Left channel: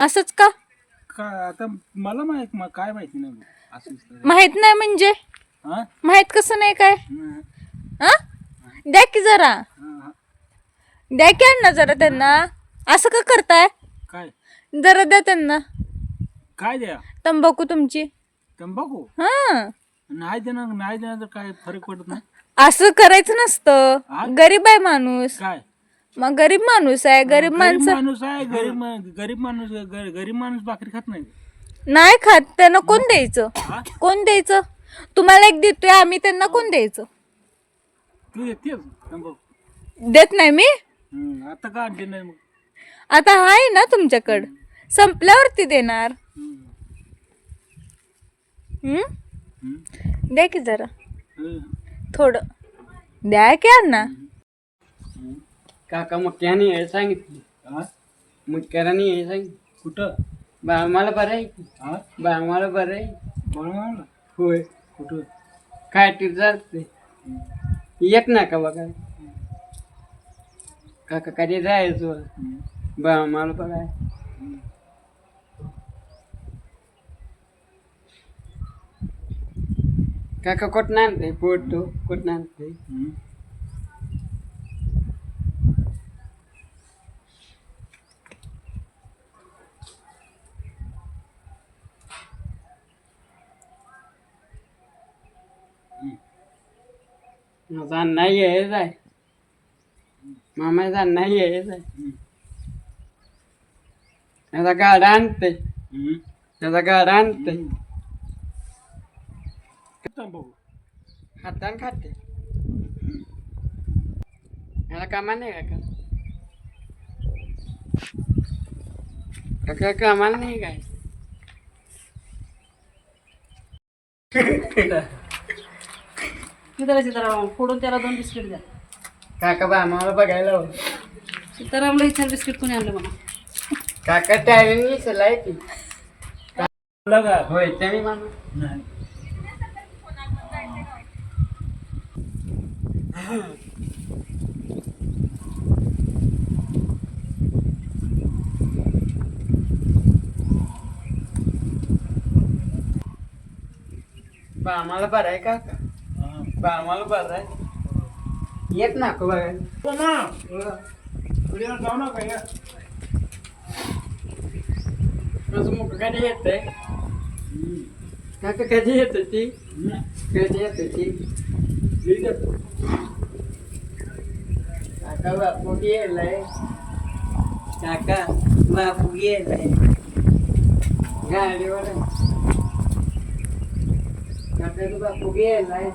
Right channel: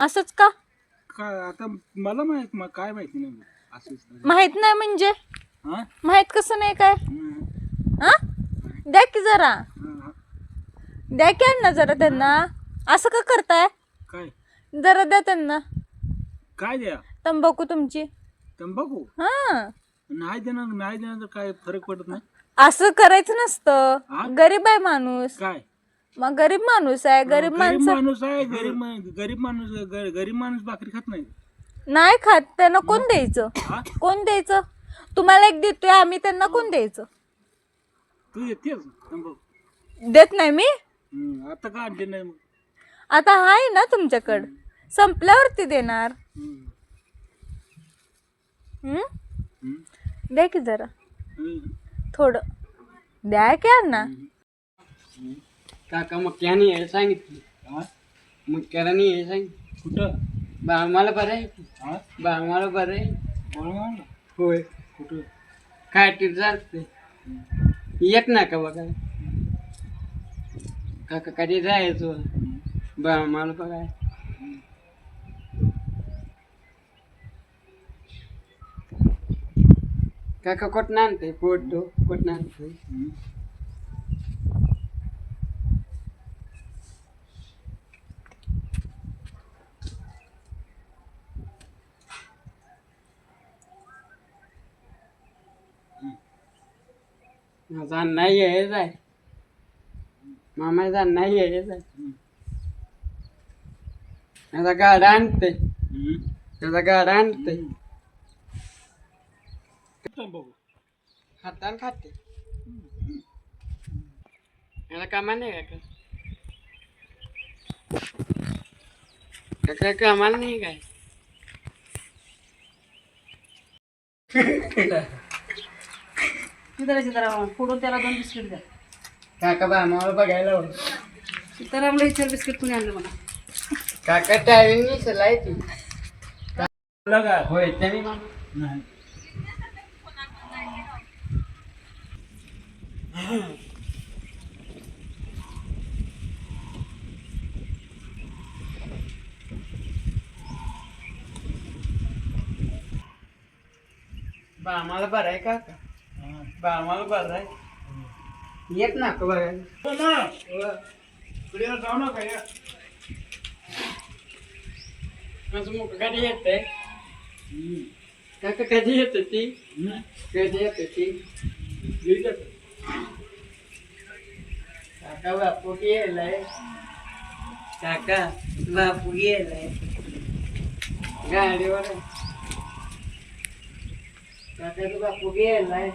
असंच का? काय आता मला काय माहिती नाही असंच तर. माहित नाही म्हणजे हा? माहित कसं नाही काय? हं. हा द्या की जरा, हा. द्या की अण्णा जरा त्यांना. असं का करताय? काय जरा द्या त्यांना काय द्या तंबाखू तुमची. तंबाखू हा नाही देणार तर काय फरक पडत नाही. असं करायचं हा? नसतं. गरीब आहे माणूस. काय मग गरीब माणूस आहे. गरीब गरीब माणसं माणूस आहे. गरीब माणूस भाकरी खात नाही. नाही खात. त्यांना कोण द्यायचं? हा? कोण द्यायचं? तुम्हाला एक देतोय आम्ही, त्यांना कोण द्यायचं? तू येतेस तंबाखू. देत नाही मी. आता का आणले नाही मग. आता आहे ना तुमच्याकडं, संपल्यावरती देणार. हं. हम्म? हं. द्या की जरा हं. थोडं द्या की अण्णा. काका मक्याने हे सांगितलं. हा? मुक्याराने हे सांगितलं. कुठं बा मला बरं आहे की. हा बा मला बरं आहे. बळमाला होय. कुठं काय टीप चालते. येत ना का बघा. काका कधी जायचो. बा मला बघाय. काका कुठं आणते फोटो कुठं आणते. हं. माझा नाही आहे जाय. मामाचा नाही आहे जाय. माझा गाडा आणते. हं. त्याचा गाडा आणते. तंबाखू हाताने खाते. मला कामा नाही काका. काका कामाला नाही काय. सीताराम फोडून त्याला 2 बिस्किट द्या. काका बा आम्हाला बघायला हो. सीतारामला विचार बिस्किट कोणी आणलं मला. काका टायरिंग विसरलाय ती. लगा होय त्याने मामा. नाही. बा आम्हाला बरं आहे काका. हा. बा आम्हाला बरं आहे. येत ना का बघायला. हो ना. पुढे जाऊ नका या. माझं मुख कधी येतंय. काका कधी येत ती. कधी येत ती. काका बापू गेलाय. काका बापू गेलाय गाडीवर आहे. काका बापू गेलाय.